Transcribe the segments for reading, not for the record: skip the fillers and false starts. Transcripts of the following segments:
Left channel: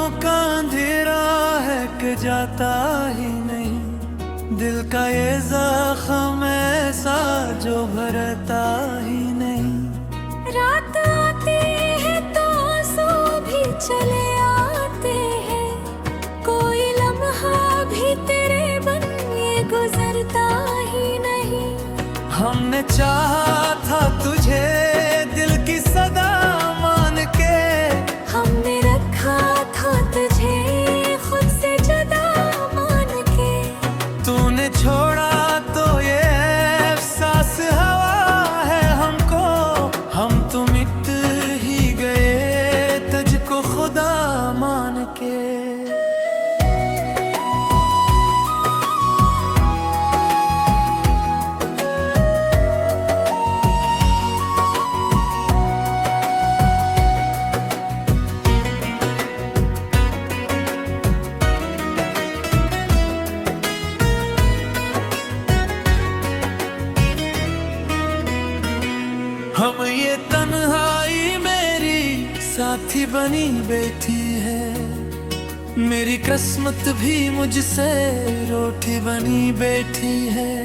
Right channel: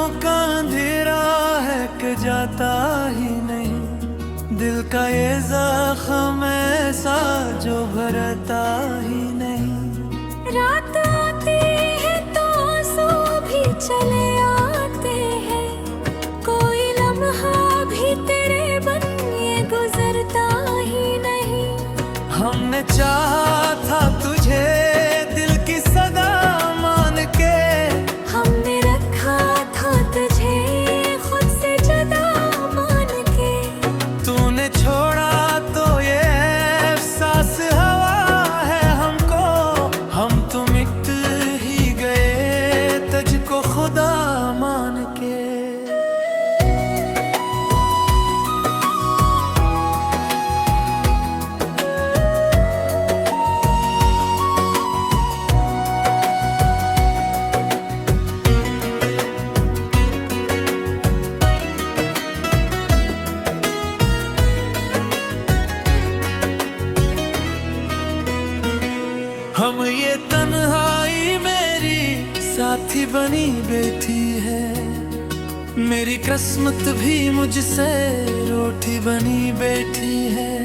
रातों का अंधेरा है कि जाता ही नहीं, दिल का ये जख्म ऐसा जो भरता ही नहीं। रात आती है तो आंसू भी चले आते हैं, कोई लम्हा भी तेरे बन ये गुजरता ही नहीं। हमने चाहा था तुझे दिल की सदा मान के, हमने रखा था तुझे खुद से जुदा मान के। तूने छोड़ा तो ये एहसास हवा है हमको, हम तो मिट ही गए तुझको खुदा मान के। हम ये तन्हाई मेरी साथी बनी बैठी है, मेरी किस्मत भी मुझसे रोटी बनी बैठी है।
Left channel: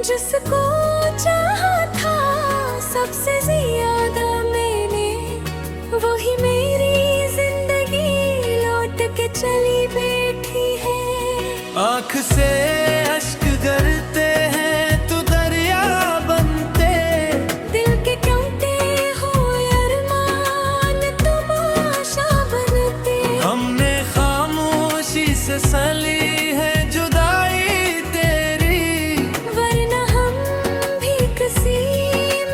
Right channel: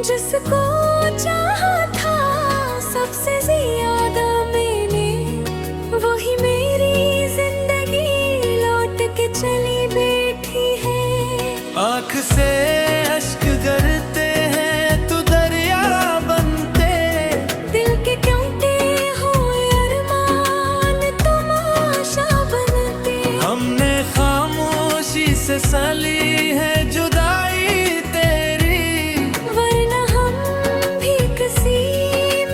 जिसको चाहा था सबसे ज्यादा मैंने, वही मेरी जिंदगी लौट के चली बैठी है। आँख से अश्क गिरते हैं तो दरिया बनते, दिल के टूटे हुए अरमान तमाशा बनते। हमने खामोशी से सली है जुदाई तेरी, वरना हम भी किसी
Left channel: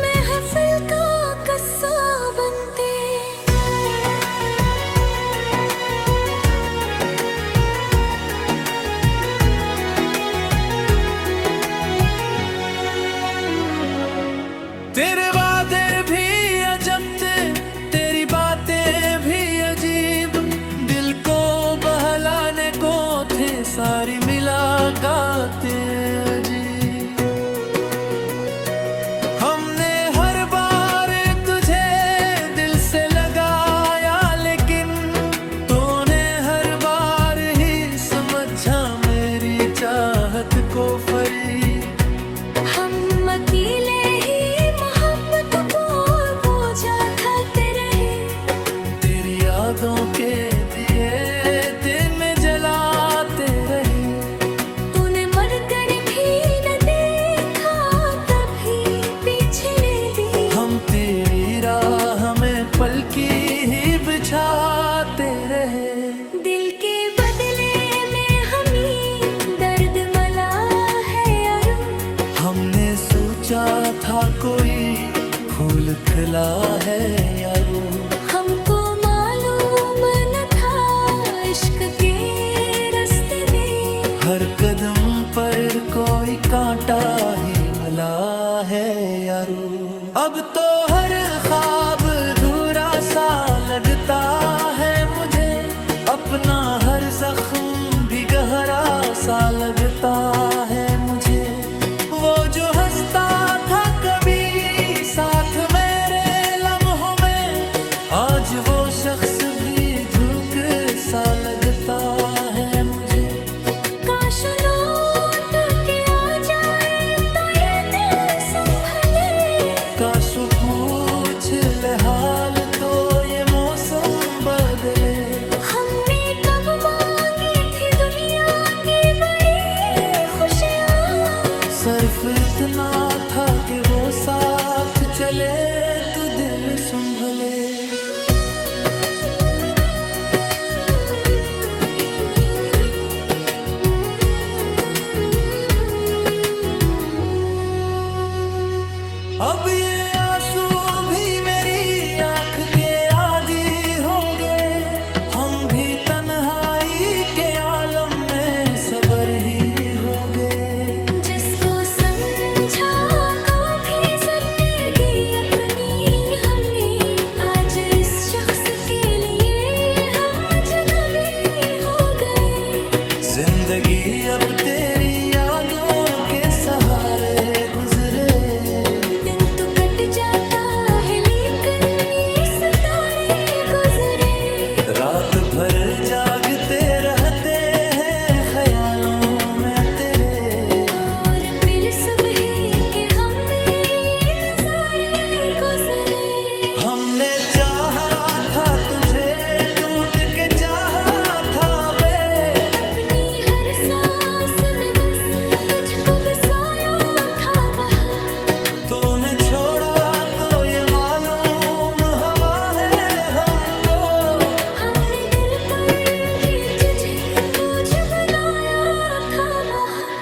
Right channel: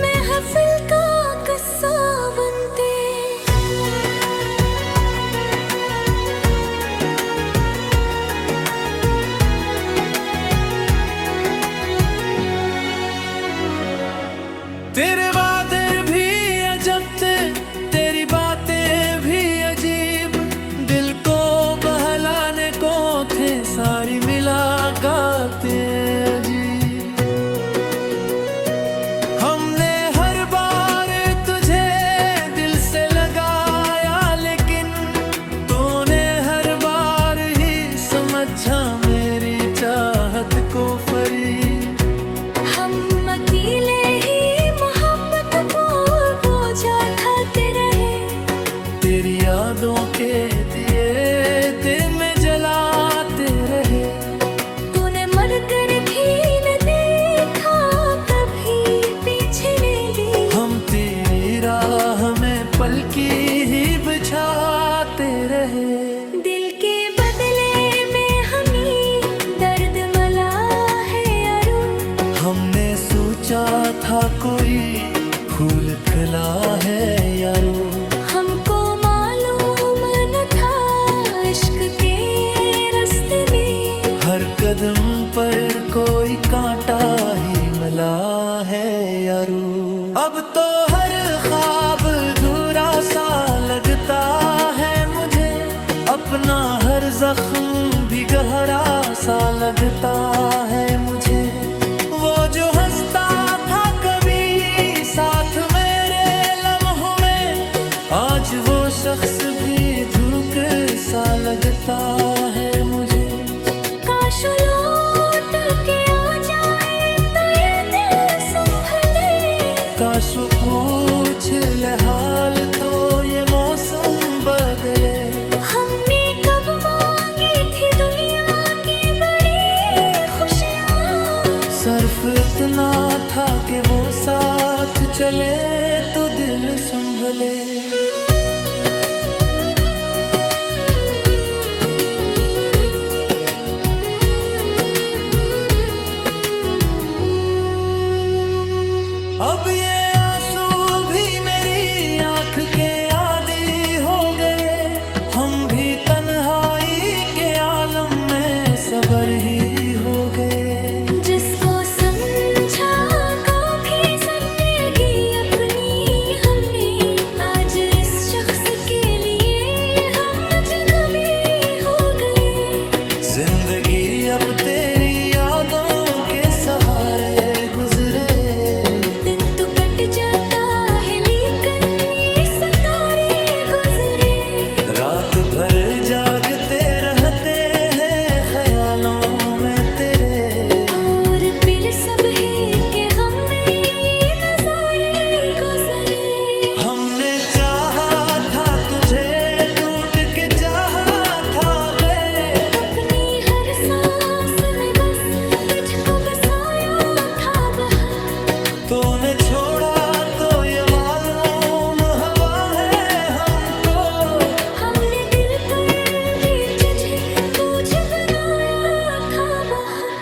महफिल का किस्सा बनते। तेरे वादे भी अजब थे, तेरी बातें भी अजीब, दिल को बहलाने को थे सारी मुलाकातें अजीब। हमने हर बार तुझे दिल से लगाया, लेकिन तूने हर बार ही समझा मेरी चाहत को फरीब। हम अकेले ही मोहब्बत को बोझा ढालते रहे, तेरी यादों के दिए दिन में जलाते रहे। तूने मर कर भी न देखा कभी पीछे ने ली, हम तेरी राह में पलकी ही बिछाते रहे। दिल के बदले में हमें दर्द मला है यारो, हमने सोचा था कोई फूल खिला है यारो, हमको मालूम न था इश्क के रास्ते में हर कदम पर कोई कांटा ही मिला है यारो। अब तो हर ख्वाब अधूरा सा लगता है मुझे, अपना हर जख्म भी गहरा सा लगता है मुझे। वो जो हंसता था कभी साथ मेरे लम्हों में, आज वो शख्स भी धूप सा लगता है मुझे। काश लौट के आ जाए तो ये दिल संभले, काश वो पूछ ले हाल तो ये मौसम बदले। हमने कब मांगी थी दुनिया की बड़ी खुशियाँ, सिर्फ इतना था कि वो साथ चले तो दिल संभले। अब ये आंसू भी मेरी आंख के आदी हो गए, हम भी तन्हाई के आलम में सबर ही हो गए। जिसको समझा कभी जिंदगी अपनी हमने, आज इस शख्स के लिए हम अजनबी हो गए। जिंदगी अब तेरी यादों के सहारे गुजरे, दिन तो कट जाता है लेकिन ये सितारे गुजरे। रात भर जागते रहते हैं ख्यालों में तेरे। और फिर सब है कि हमें ये नजारे गुजरे। हमने चाहा था तुझे, टूट के चाहा था बे। अपनी हर सांस में बस तुझको बसाया था बहुत। तूने छोड़ा तो ये मालूम हवा है हमको। हमने दिल पर भी तुझे बोझ बनाया था बहुत।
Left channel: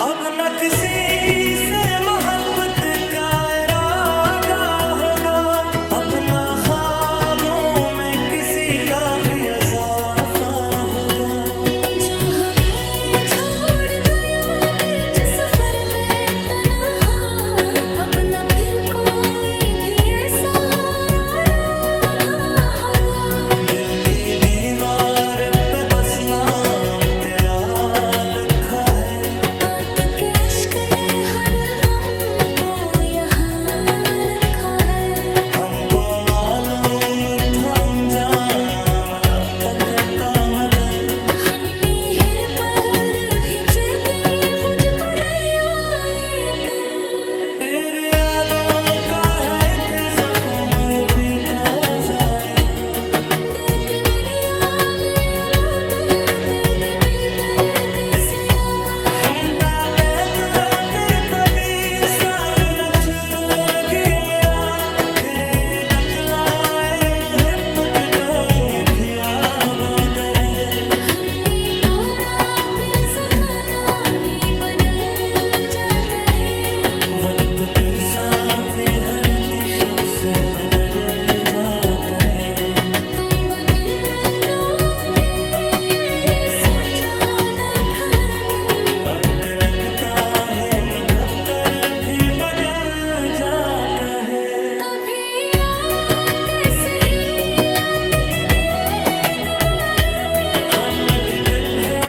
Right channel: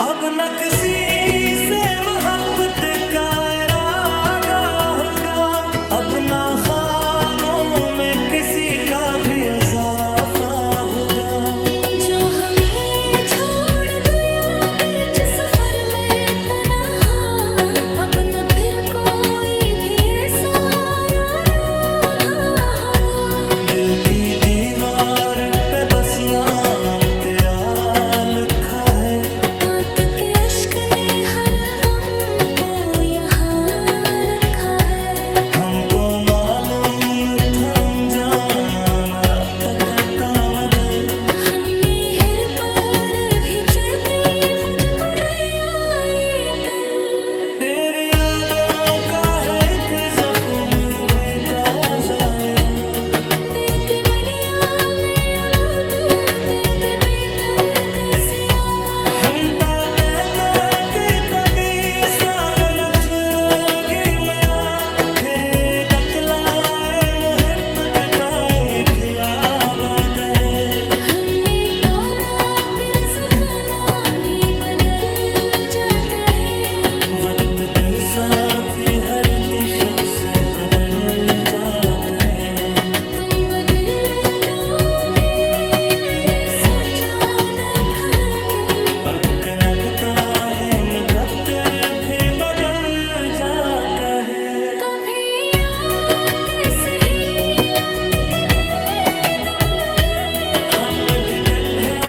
अब न किसी से मोहब्बत का इरादा होगा, अब न ख्वाबों में किसी का भी इजाफा होगा। जो हमें छोड़ गया बीच सफर में तन्हा, अब न फिर कोई भी ऐसा रागा होगा। दिल की दीवार पे बस नाम तेरा लिखा है। आंख के अश्क ने हर गम को यहाँ रखा है। हमको मालूम था अंजाम रात का मगर। हमने हिर पर भी चेके मुझको लिया ये दिल। तेरी यादों का है थे जख्म भी ताज़ा। दिल के मनिया ने अब दिल के बेदर्द से आवा। हम कहते कभी साथ नचरेगी मया। तेरे दकलाए मुहब्बत ताई थी आबाद है। हमने पाना फिर सुखाना भी बदल जाता है। वक्त तेरे साथ हर शख्स बदल जाता है। तुम बदल जाओगे ये सोचा ना था दिल। वक्त लगता है मुकद्दर भी बदल जाता है। कभी आते सही लाते तेरे तुम लगे। हम मजगन है।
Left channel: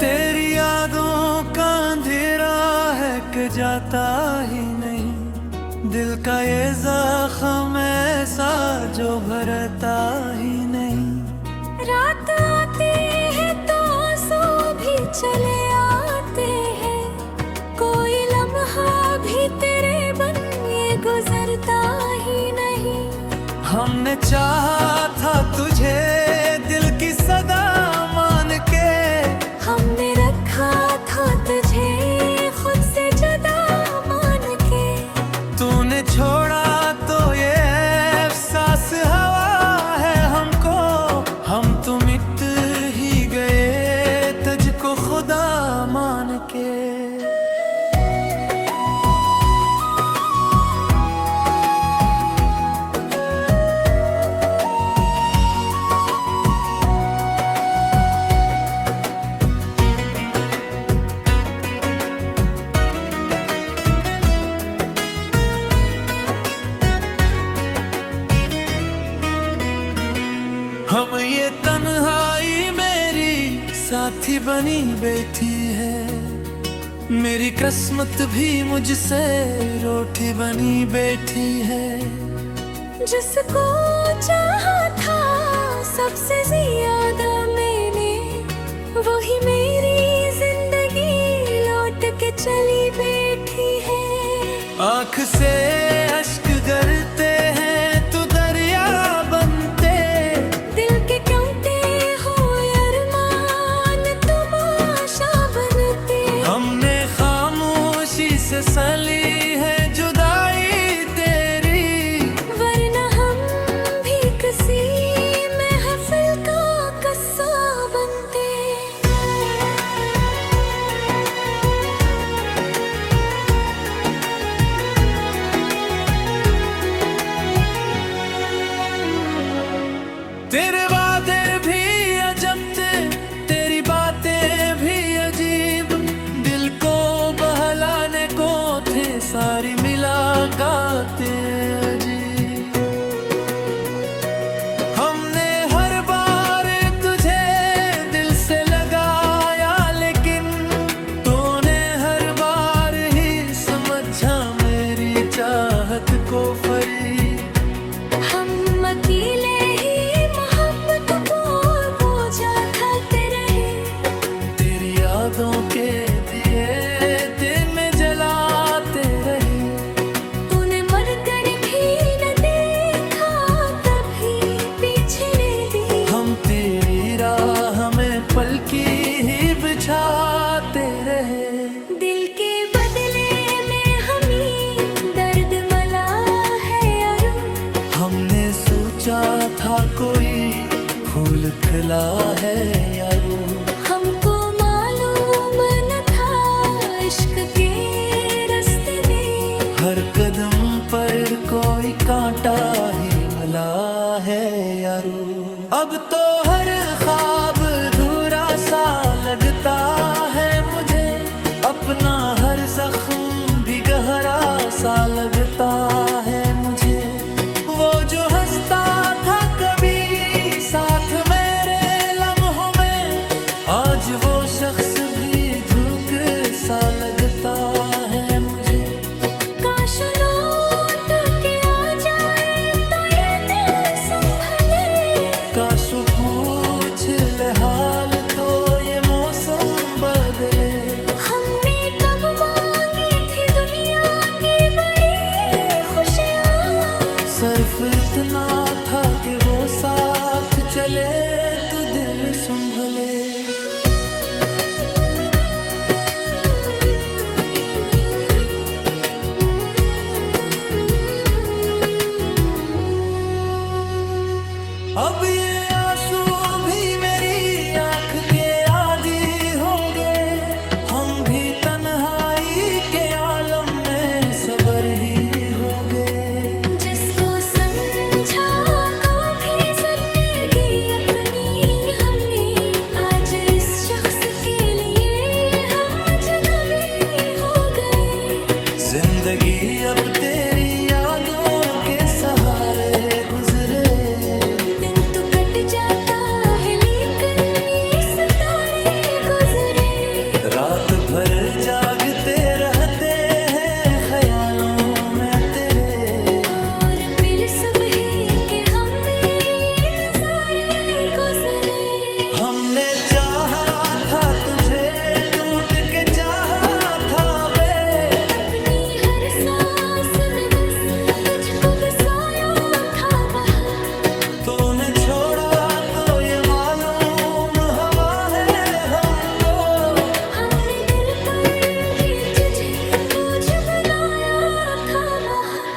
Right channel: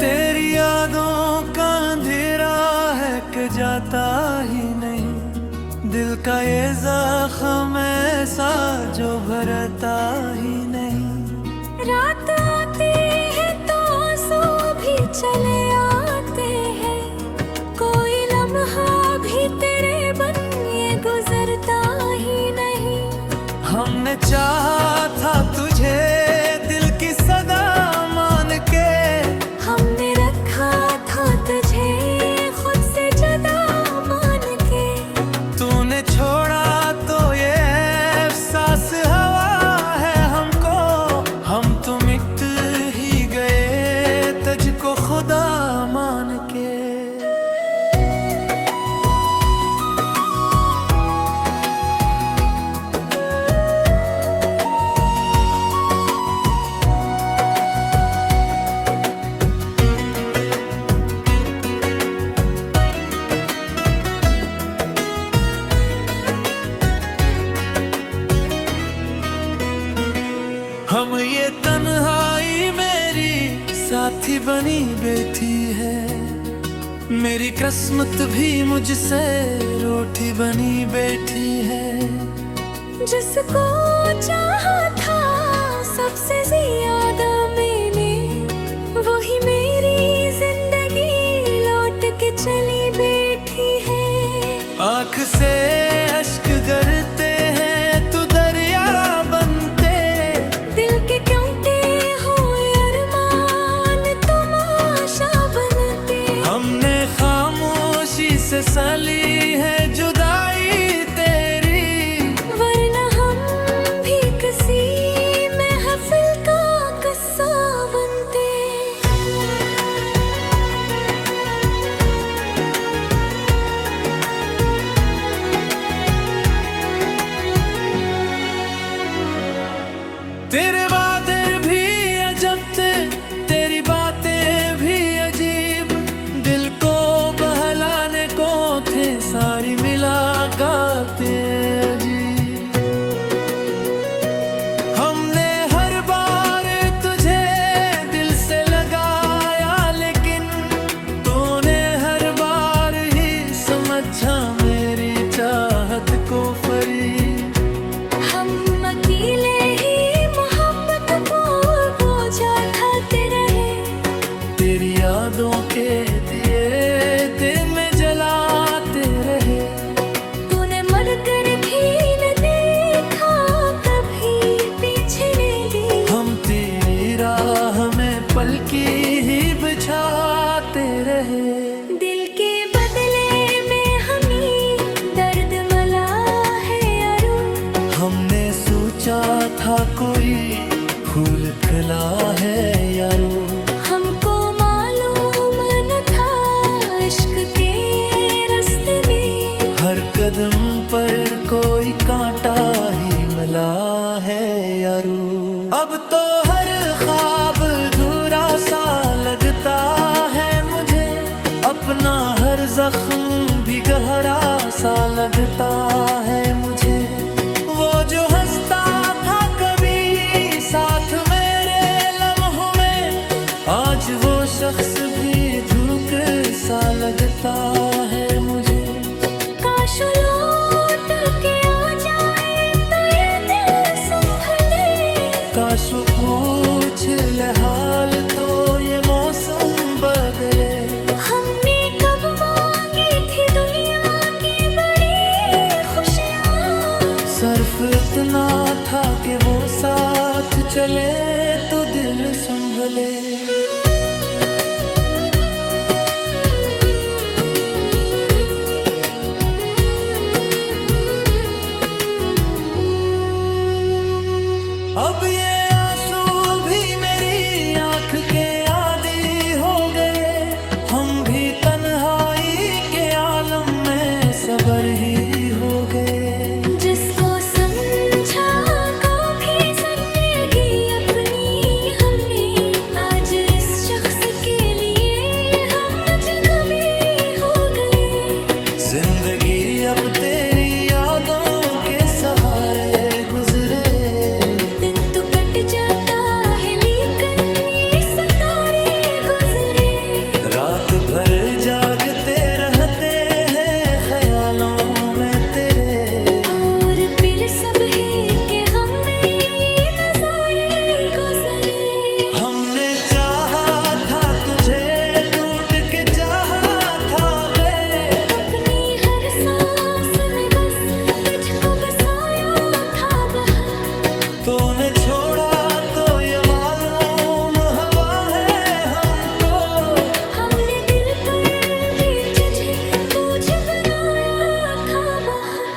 तेरी यादों का अंधेरा है कि जाता ही नहीं। दिल का ये जख्म ऐसा जो भरता ही नहीं। रात आती है तो आंसू भी चले आते हैं। कोई लम्हा भी तेरे बन ये गुजरता ही नहीं। हमने चाहा था तुझे दिल की सदा मान के। हमने रखा था तुझे खुद से जुदा मान के। तूने छोड़ा तो ये एहसास हवा है हमको। हम तो मिट ही गए तुझको खुदा मान के। हम ये तन्हाई मेरी साथी बनी बैठी है। मेरी किस्मत भी मुझसे रोटी बनी बैठी है। जिसको चाहा था सबसे ज्यादा मैंने, वही मेरी जिंदगी लौट के चली बैठी है। आँख से अश्क गिरते हैं तो दरिया बनते। दिल के टूटे हुए अरमान तमाशा बनते। हमने खामोशी से सली है जुदाई तेरी। वरना हम भी किसी महफिल का किस्सा बनते। सारी मिला गाते जी। हमने हर बार तुझे दिल से लगाया, लेकिन तूने हर बार ही समझा मेरी चाहत को फरीब। हम अकेले ही मोहब्बत को बोझा ढाते रहे, तेरी यादों के दिए दिन में जलाते रहे। तूने मर कर भी न देखा, कभी पीछे ने ली। हम तेरी राह में पलकी ही बिछाते रहे। दिल के बदले में हमें दर्द मला है यारो। हमने सोचा था कोई फूल खिला है यारो। हमको मालूम न था इश्क के रास्ते में, हर कदम पर कोई कांटा ही मिला है यारो। अब तो हर ख्वाब अधूरा सा लगता है मुझे, अपना हर जख्म भी गहरा सा लगता है मुझे। वो जो हंसता था कभी साथ मेरे लम्हों में, आज वो शख्स भी धूक सा लगता है मुझे। काश लौट के आ जाए तो ये दिल संभले। काश वो पूछ ले हाल तो ये मौसम बदले। हमने कब मांगी थी दुनिया की बड़ी खुशियाँ, सिर्फ इतना था कि वो साथ चले तो दिल संभले। अब ये आंसू भी मेरी आंख के आदी हो गए, हम भी तन्हाई के आलम में सबर ही हो गए। जिसको समझा कभी जिंदगी अपनी हमने, आज इस शख्स के लिए हम अजनबी हो गए। जिंदगी अब तेरी यादों के सहारे गुजरे। दिन तो कट जाता है लेकिन ये सितारे गुजरे। रात भर जागते रहते हैं ख्यालों में तेरे। और फिर सब है कि हमें ये नजारे गुजरे। हमने चाहा था तुझे, टूट के चाहा था बे। अपनी हर सांस में बस तुझको बसाया था बहुत। तूने छोड़ा तो ये मालूम हवा है हमको। हमने दिल पर भी तुझे बोझ बनाया था बहुत।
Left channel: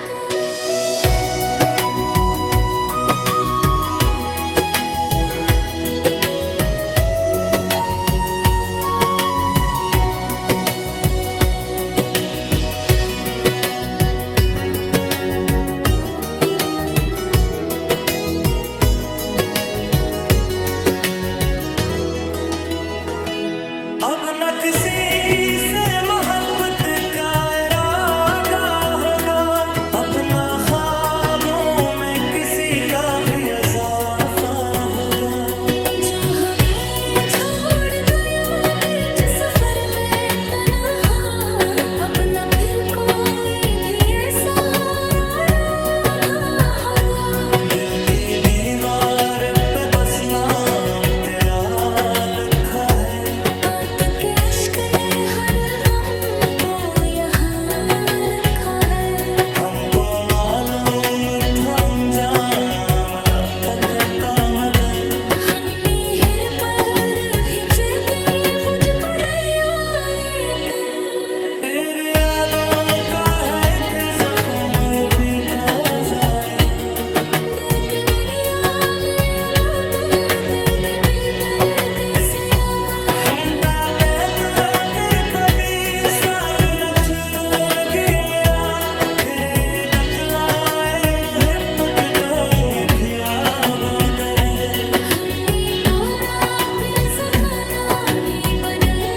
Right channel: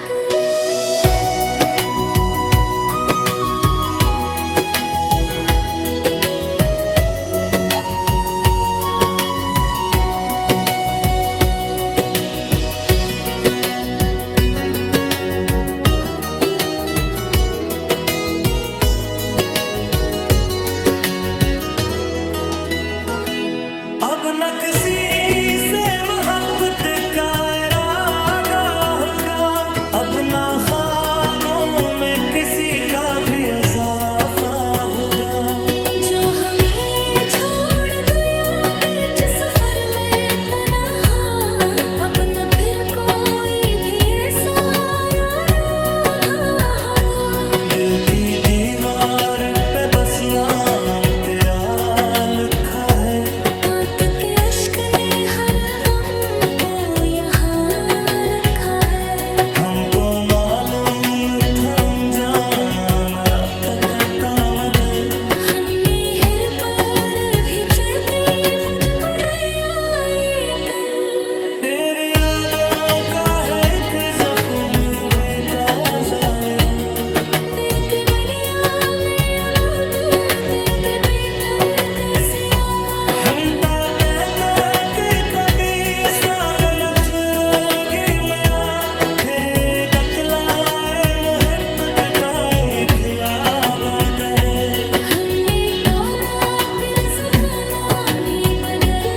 अब न किसी से मोहब्बत का इरादा होगा, अब न ख्वाबों में किसी का भी इजाफा होगा। जो हमें छोड़ गया बीच सफर में तन्हा, अब न फिर कोई भी ऐसा रहा होगा। दिल की दीवार पे बस नाम तेरा लिखा है। आंख के अश्क ने हर गम को यहाँ रखा है। हमको मालूम था अंजाम रात का काम है। हमने हर पर भी चेपी बुझ बुलाया तेरी यादों का है थे जख्म भी ताजा है। दिल के बनिया ने अब दर्द बेदर्द से आवाज़। हम कहते कभी साथ न छुड़ेगी मैया, तेरे दकलाए मोहब्बत का ही थी आबाद है। हमने तो ना फिर सपना भी बदल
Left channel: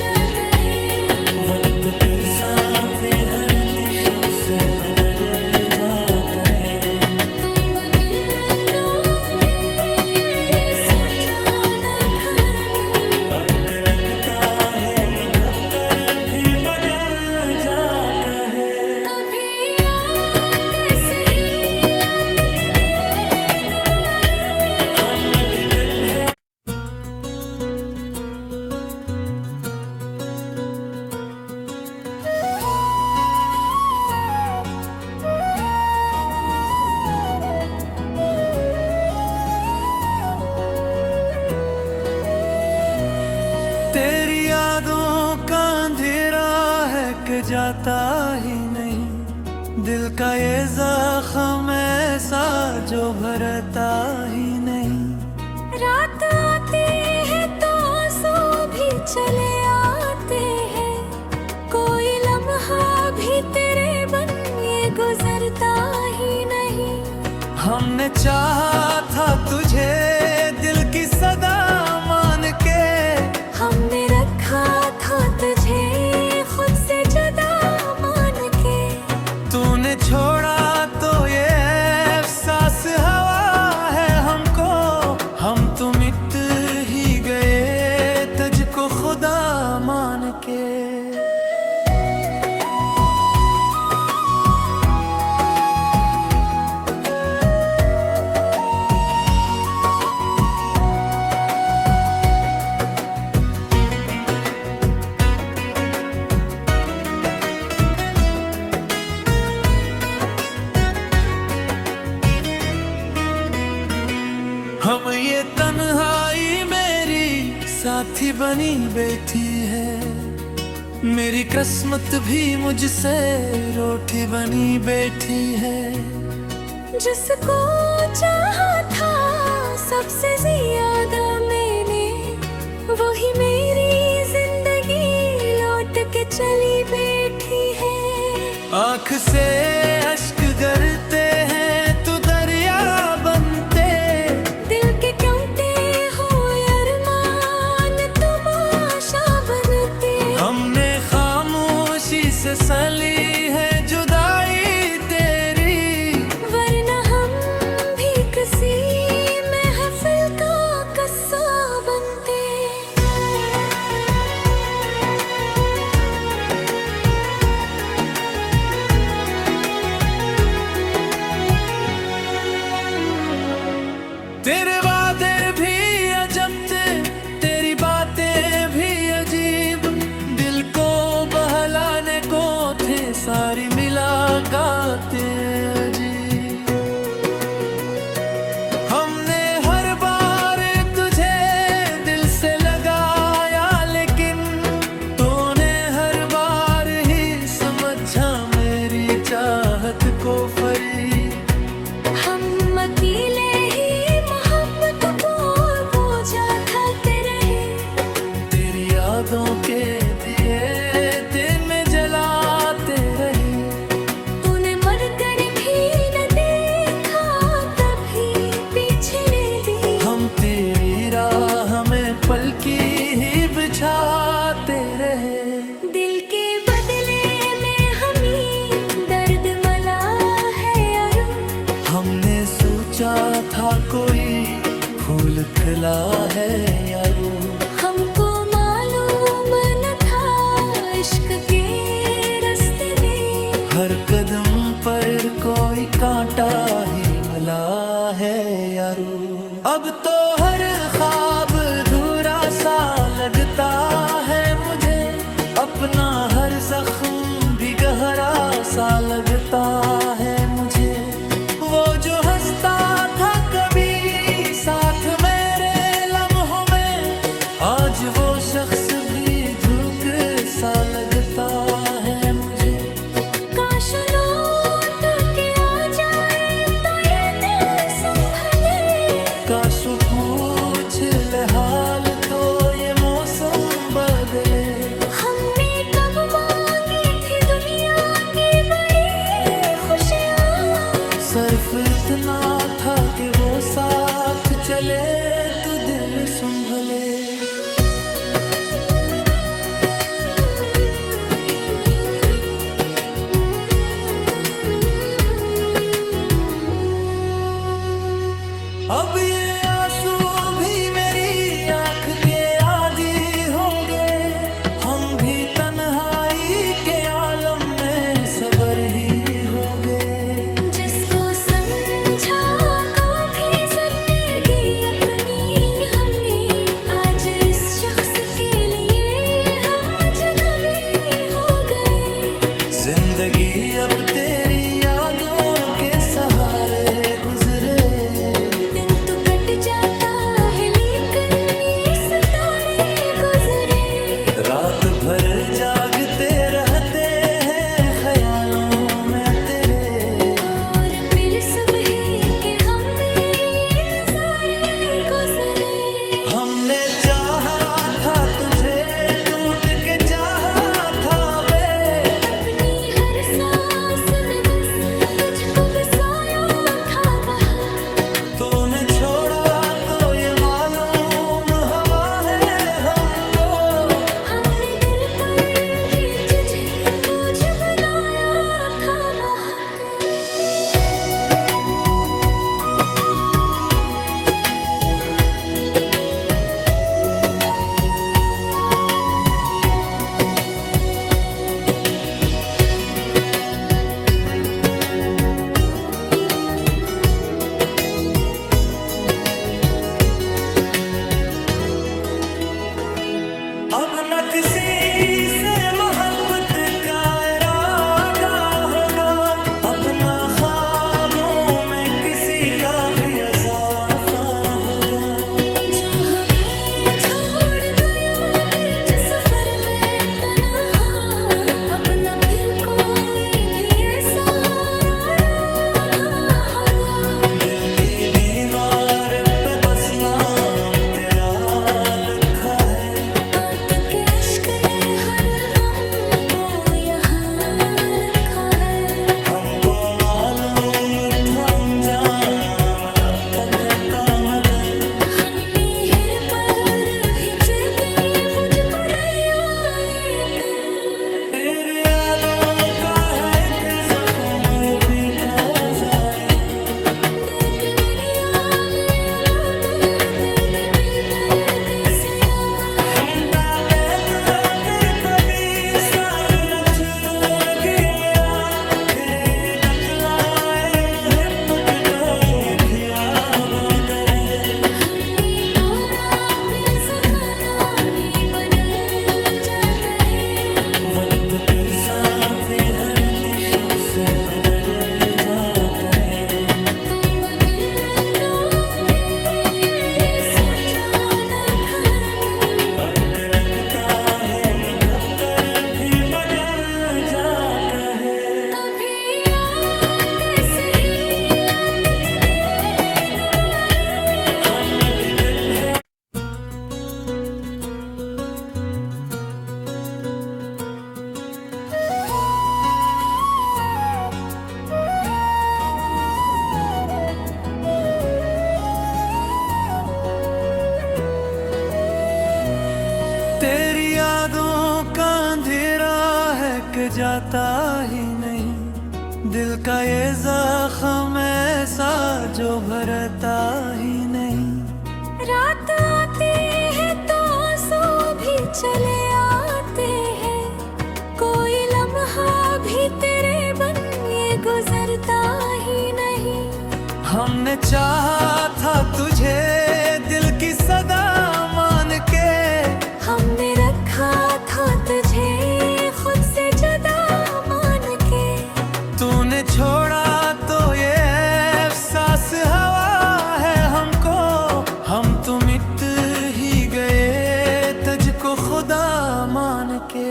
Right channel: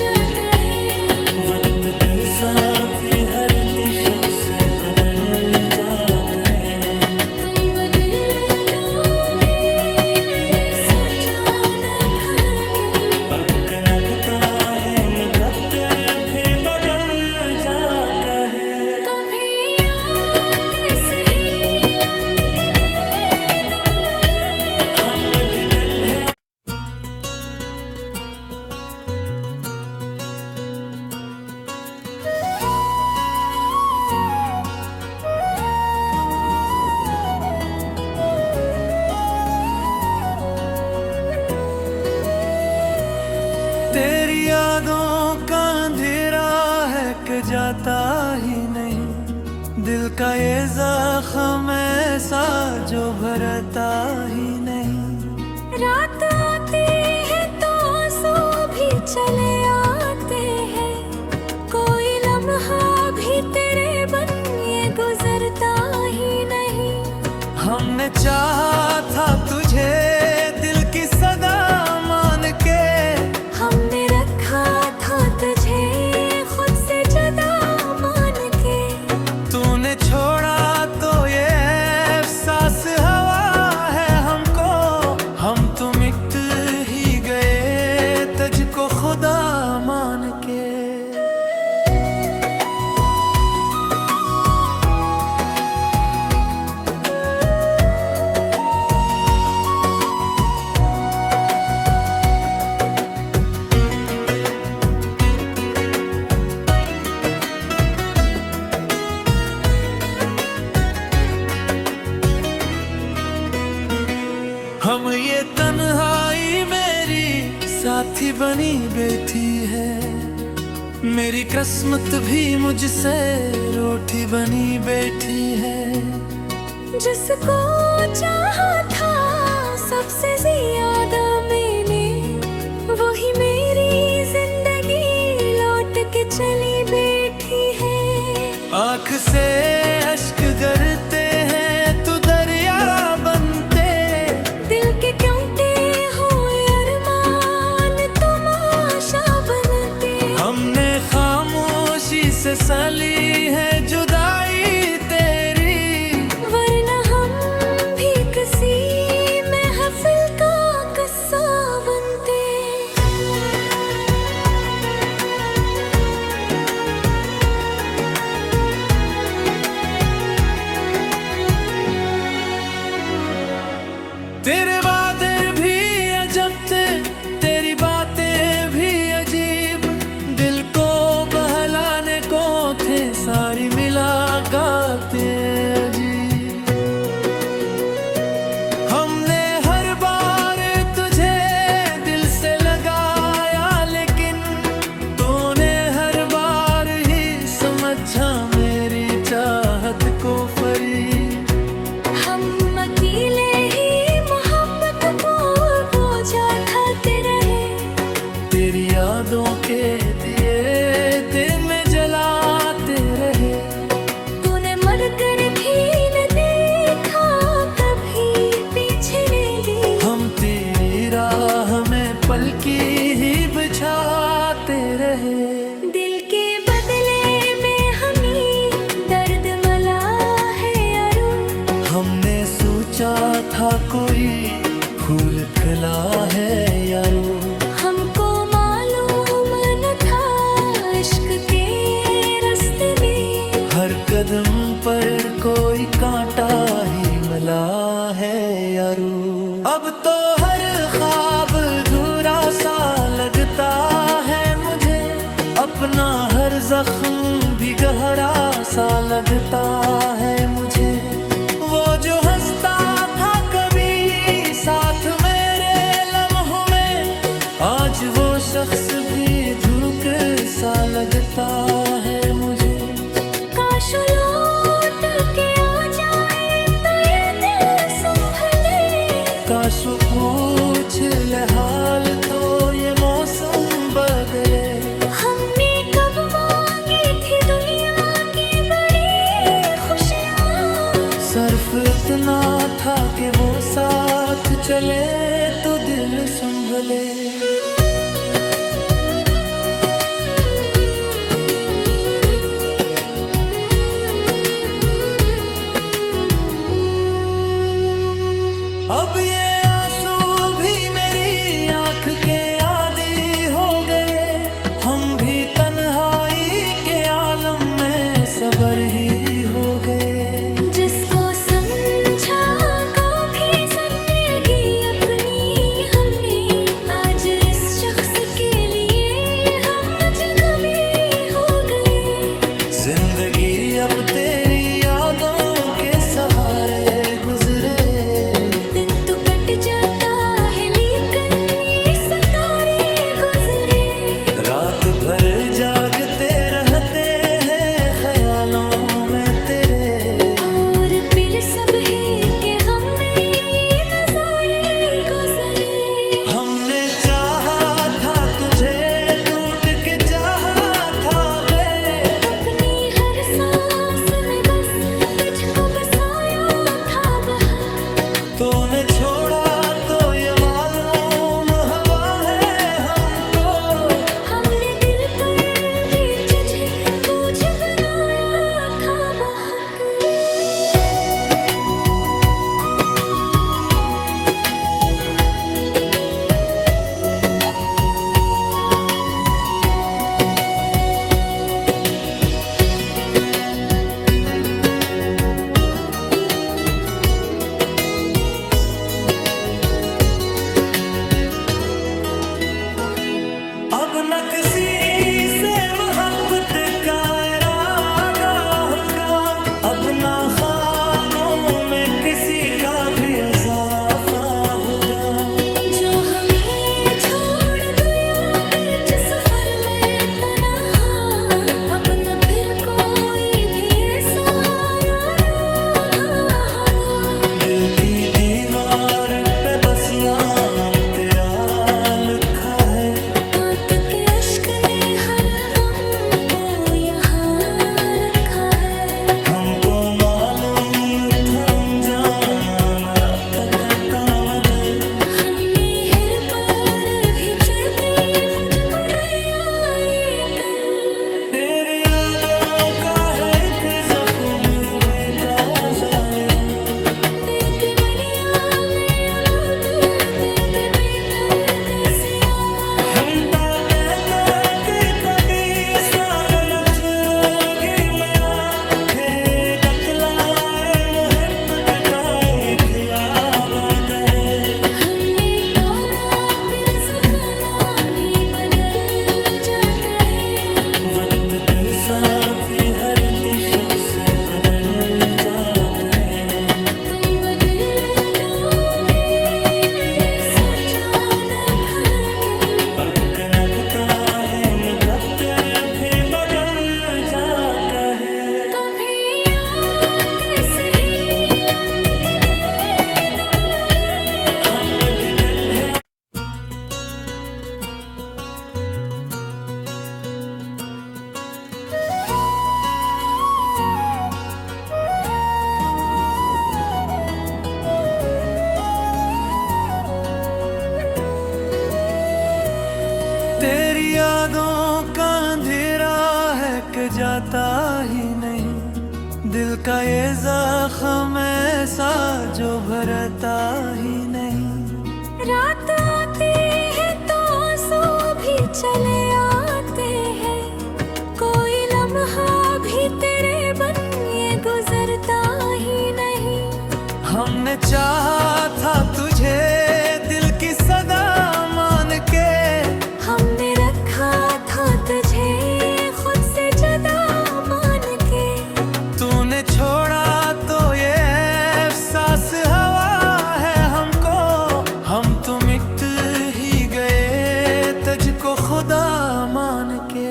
जाता है। वक्त दिल साथी हर शख्स बदल जाता है। तुम बदल जाओगे सोचा न था हरगिज़। वक्त लगता है मुकद्दर भी बदल जाता है। कभी आते सही लाते नहीं तुम लड़े। हम मजदन है तेरी यादों का अंधेरा है कि जाता ही नहीं। दिल का ये जख्म ऐसा जो भरता ही नहीं। रात आती है तो आंसू भी चले आते हैं। कोई लम्हा भी तेरे बन ये गुजरता ही नहीं। हमने चाहा था तुझे दिल की सदा मान के। हमने रखा था तुझे खुद से जुदा मान के। तूने छोड़ा तो ये एहसास हवा है हमको। हम तो मिट ही गए तुझको खुदा मान के। हम ये तन्हाई मेरी साथी बनी बैठी है। मेरी किस्मत भी मुझसे रूठी बनी बैठी है। जिसको चाहा था सबसे ज्यादा मैंने, वही मेरी जिंदगी लौट के चली बैठी है। आँख से अश्क गिरते हैं तो दरिया बनते। दिल के क्योंटे हुए अरमान तमाशा बनते। हमने खामोशी से सली है जुदाई तेरी। वरना हम भी किसी महफिल का किस्सा बनते। तेरे वादे भी अजब थे, तेरी बातें भी अजीब। दिल को बहलाने को थे सारी मुलाकातें अजीब। हमने हर बार तुझे दिल से लगाया, लेकिन तूने हर बार ही समझा मेरी चाहत को फरीब। हम अकेले ही मोहब्बत को बोझा ठाते रहे। तेरी यादों के दिए दिल में जलाते रहे। तूने मर कर भी न देखा कभी पीछे ने दी। हम तेरी राह में पलकी ही बिछाते रहे। दिल के बदले में हमें दर्द मला है यारो। हमने सोचा था कोई फूल खिला है यारो। हमको मालूम न था इश्क के रास्ते में। हर कदम पर कोई कांटा ही मिला है यारो। अब तो हर ख्वाब अधूरा सा लगता है मुझे। अपना हर जख्म भी गहरा सा लगता है मुझे। वो जो हंसता था कभी साथ मेरे लम्हों में, आज वो शख्स भी धूप सा लगता है मुझे। काश लौट के आ जाए तो ये दिल संभले। काश वो पूछ ले हाल तो ये मौसम बदले। हमने कब मांगी थी दुनिया की बड़ी खुशियाँ। सिर्फ इतना था कि वो साथ चले तो दिल संभले। अब ये आंसू भी मेरी आंख के आदी हो गए, हम भी तन्हाई के आलम में सबर ही हो गए। जिसको समझा कभी जिंदगी अपनी हमने, आज इस शख्स के लिए हम अजनबी हो गए। जिंदगी अब तेरी यादों के सहारे गुजरे, दिन तो कट जाता है लेकिन ये सितारे गुजरे। रात भर जागते रहते हैं ख्यालों में तेरे, और फिर सब है कि हमें ये नजारे गुजरे। हमने चाहा था तुझे, टूट के चाहा था बे, अपनी हर सांस में बस तुझको बसाया था बहुत। तूने छोड़ा तो ये मालूम हवा है हमको, हमने दिल पर भी तुझे बोझ बनाया था बहुत। अब न किसी से मोहब्बत का इरादा होगा, अब न ख्वाबों में किसी का भी इजाफा होगा। जो हमें छोड़ गया बीच सफर में तन्हा, अब न फिर कोई भी ऐसा राधा होगा। दिल की दीवार पे बस नाम तेरा लिखा है, आंख के अश्क ने हर गम को यहाँ रखा है। हमको मालूम था अंजाम रात का मदद, हमने हर पर भी चेते मुझको तेरी यादों का है थे जख्म भी ताज़ा है। दिल के मनियाने अब दर्द बेदर्द से आवाज़। हम ता कहते कि कभी साथ न छुड़ेगी मैया, तेरे दकलाए मुहब्बत का थी आबाद है। हमने कौना फिर सुखाना भी बदल जाता है। वक्त दिल साथी हर शख्स बदल जाता है। तुम बदल जाओगे सोचा न था दिल। वक्त लगता है मुकद्दर भी बदल जाता है। कभी आते सही नीलात तेरे दुबारे। हम मजदन है तेरी यादों का अंधेरा है कि जाता ही नहीं, दिल का ये जख्म ऐसा जो भरता ही नहीं। रात आती है तो आंसू भी चले आते हैं, कोई लम्हा भी तेरे बन ये गुजरता ही नहीं। हमने चाहा था तुझे दिल की सदा मान के, हमने रखा था तुझे खुद से जुदा मान के। तूने छोड़ा तो ये एहसास हवा है हमको, हम तो मिट ही गए तुझको खुदा मान के।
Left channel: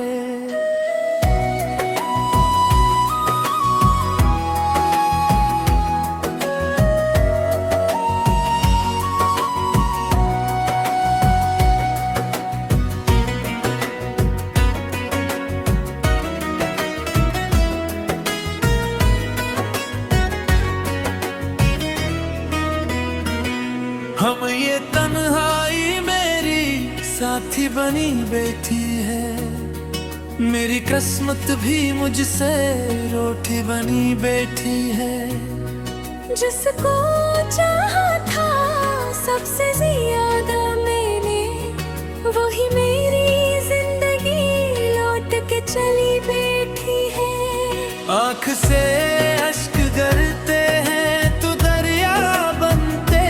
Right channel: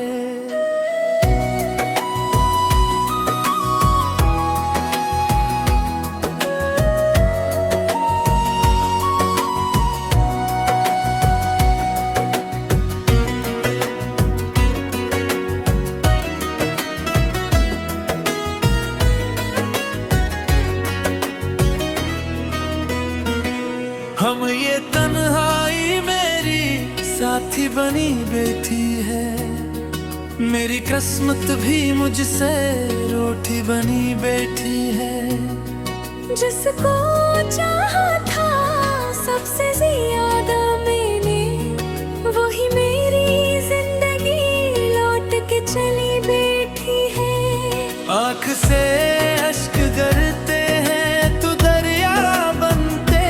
हम ये तन्हाई मेरी साथी बनी बैठी है, मेरी किस्मत भी मुझसे रोटी बनी बैठी है। जिसको चाहा था चली बैठी है। आँख से अश्क गिरते हैं तू दरिया बनते,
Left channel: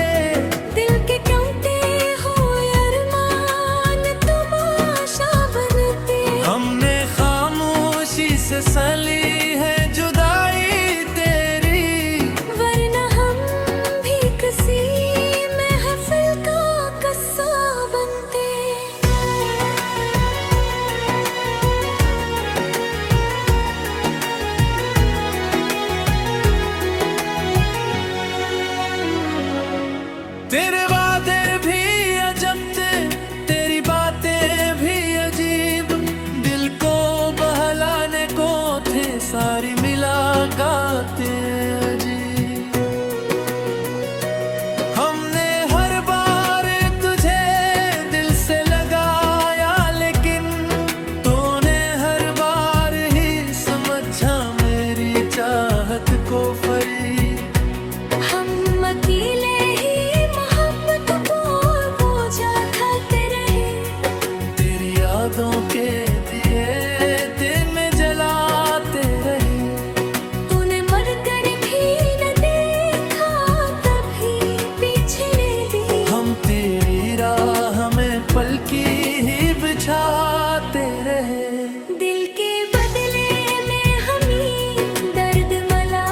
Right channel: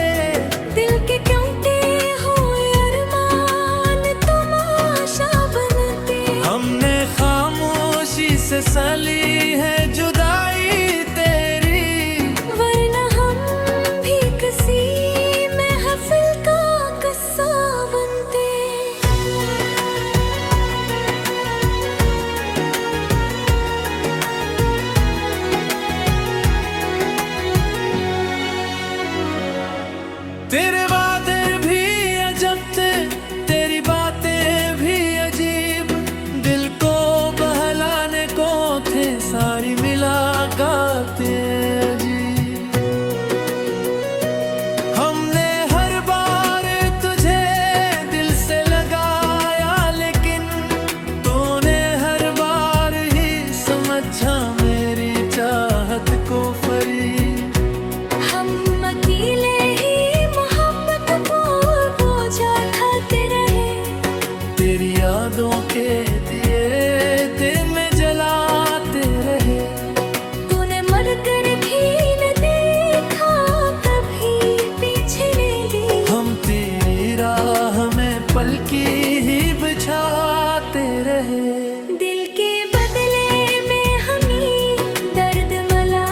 दिल के क्योंटे हुए अरमान तुम आशा बनते। हमने खामोशी से सली है जुदाई तेरी, वरना हम भी किसी महफिल का किस्सा बनते। तेरे वादे भी अजब थे, तेरी बातें भी अजीब, दिल को बहलाने को थे सारी मुलाकातें अजीब। हमने हर बार तुझे दिल से लगाया, लेकिन तूने हर बार ही समझा मेरी चाहत को फरीब। हम अकेले ही मोहब्बत को बोझा ढाते रहे, तेरी यादों के दिए दिन में जलाते रहे। तूने मर कर भी न देखा कभी पीछे ले ली। हम तेरी राह में पलकी ही बिछाते रहे। दिल के बदले में हमें दर्द मला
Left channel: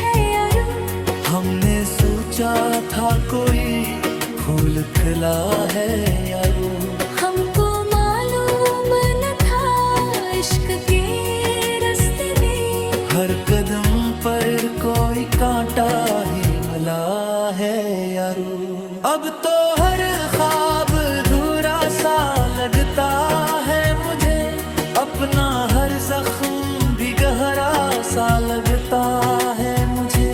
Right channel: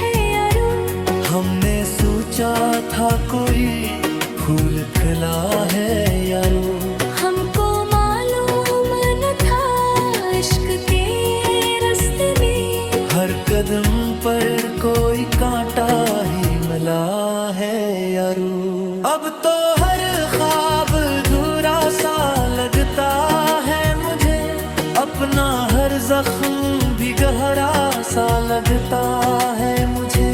है यारो। हमने सोचा था कोई फूल खिला है यारो, हमको मालूम न था इश्क के रास्ते में हर कदम पर कोई कांटा ही मिला है यारो। अब तो हर ख्वाब अधूरा सा लगता है मुझे, अपना हर जख्म भी गहरा सा लगता है मुझे।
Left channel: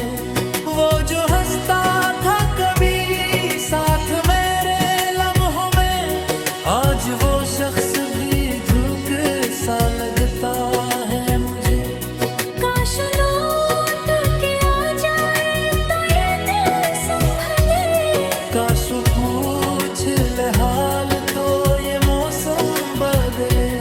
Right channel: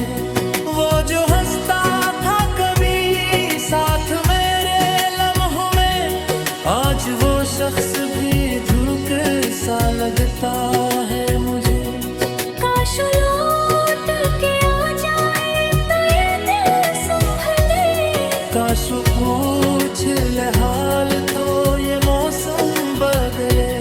वो जो हंसता था कभी साथ मेरे लम्हों में, आज वो शख्स भी धूप सा लगता है मुझे। काश लौट के आ जाए तो ये दिल संभले, काश वो पूछ ले हाल तो ये मौसम बदले।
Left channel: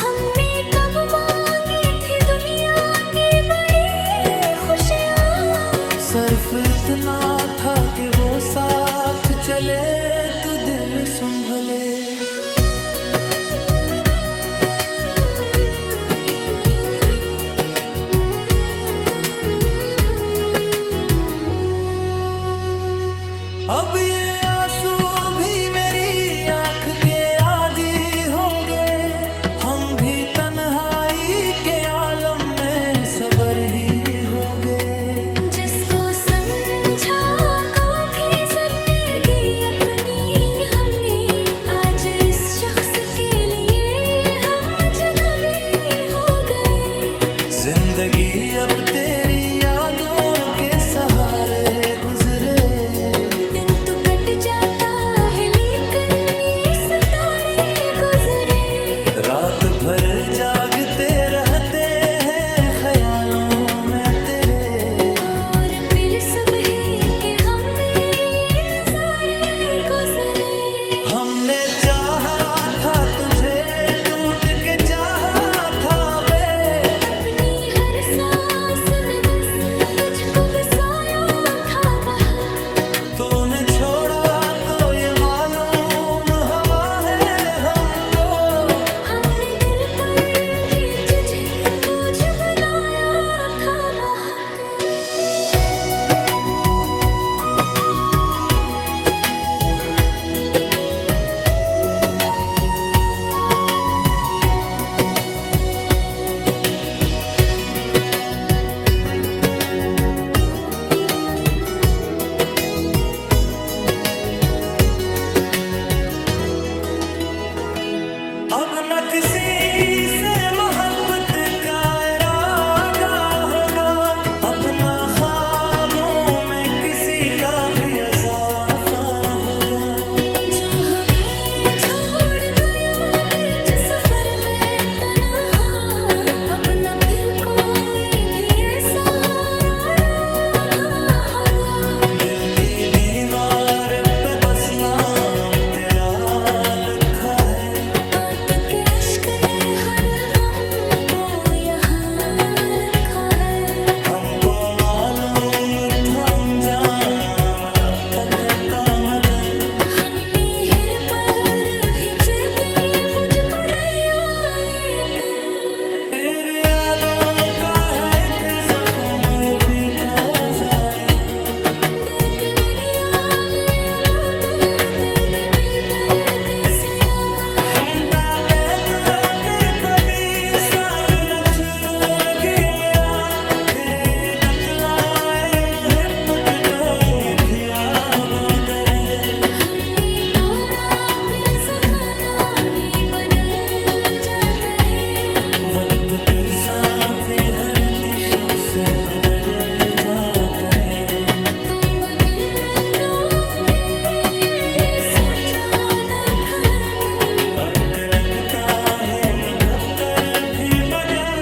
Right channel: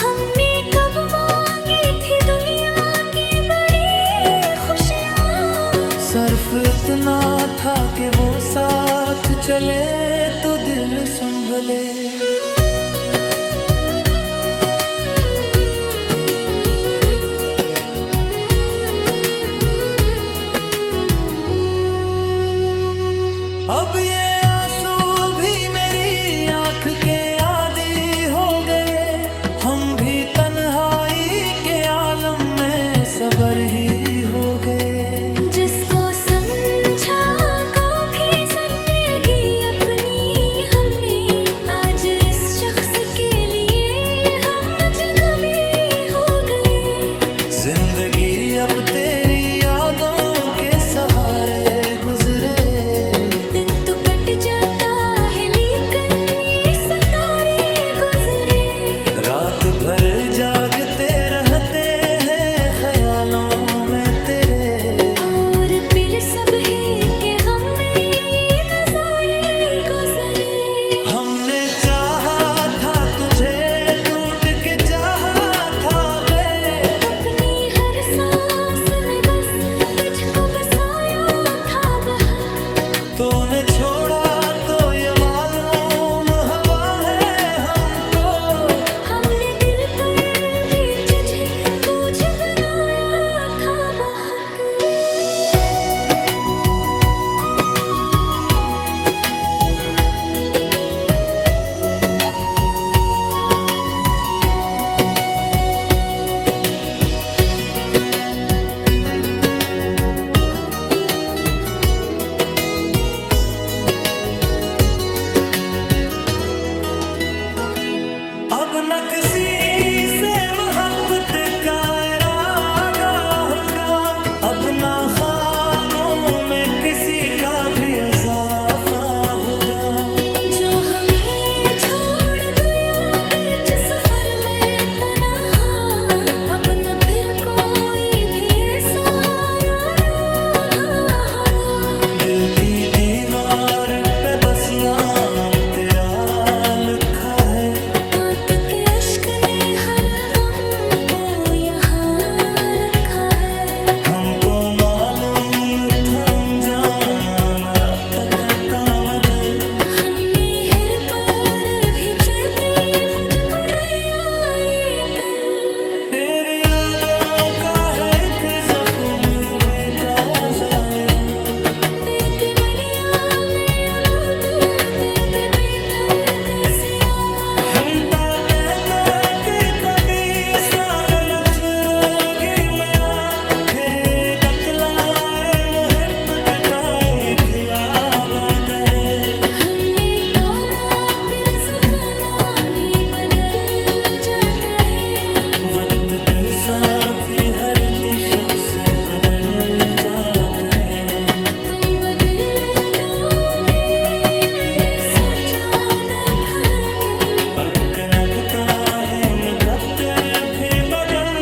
हमने कब मांगी थी दुनिया की बड़ी खुशियाँ, सिर्फ इतना था कि वो साथ चले तो दिल संभले। अब ये आंसू भी मेरी आंख के आदी हो गए, हम भी तन्हाई के आलम में सबर ही हो गए। जिसको समझा को भी जिंदगी अपनी हमने, आज इस शख्स के लिए हम अजनबी हो गए। जिंदगी अब तेरी यादों के सहारे गुजरे, दिन तो कट जाता है लेकिन ये सितारे गुजरे। रात भर जागते रहते हैं ख्यालों में तेरे, और फिर सब है कि हमें ये नजारे गुजरे। हमने चाहा था तुझे टूट के चाहा था बे, अपनी हर सांस में बस तुझको बसाया था बहुत। तूने छोड़ा तो ये मालूम हवा है हमको, हमने दिल पर भी तुझे बोझ बनाया था बहुत। अब न किसी से मोहब्बत का इरादा होगा, अब न ख्वाबों में किसी का भी इजाफा होगा। जो हमें छोड़ गया बीच सफर में तन्हा, अब न फिर कोई भी ऐसा रागा होगा। दिल की दीवार पे बस नाम तेरा लिखा है, आंख के अश्क ने हर गम हमको मालूम था अंजाम रात का मगर हमने हर पर भी चेते मुझको तेरी यादों का है थे जख्म भी ताज़ा दिल के मनिया ने अब दर्द बेदर्द से आवाज़ हम ता कहते कि कभी साथ नचरेगी मया तेरे दकलाए मोहब्बत ताई थी आबाद है हमने कौना फिर सपना भी बदल जाता है वक्त दिल साथी हर शख्स बदल जाता है तुम बदल जाओगे ये सोचा ना था दिल वक्त लगता है मुकद्दर भी बदल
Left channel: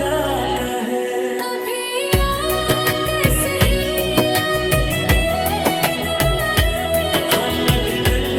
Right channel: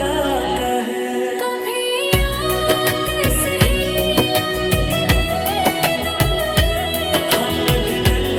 जाता है कभी आते से ही नीला तक तुम लगे हम दिन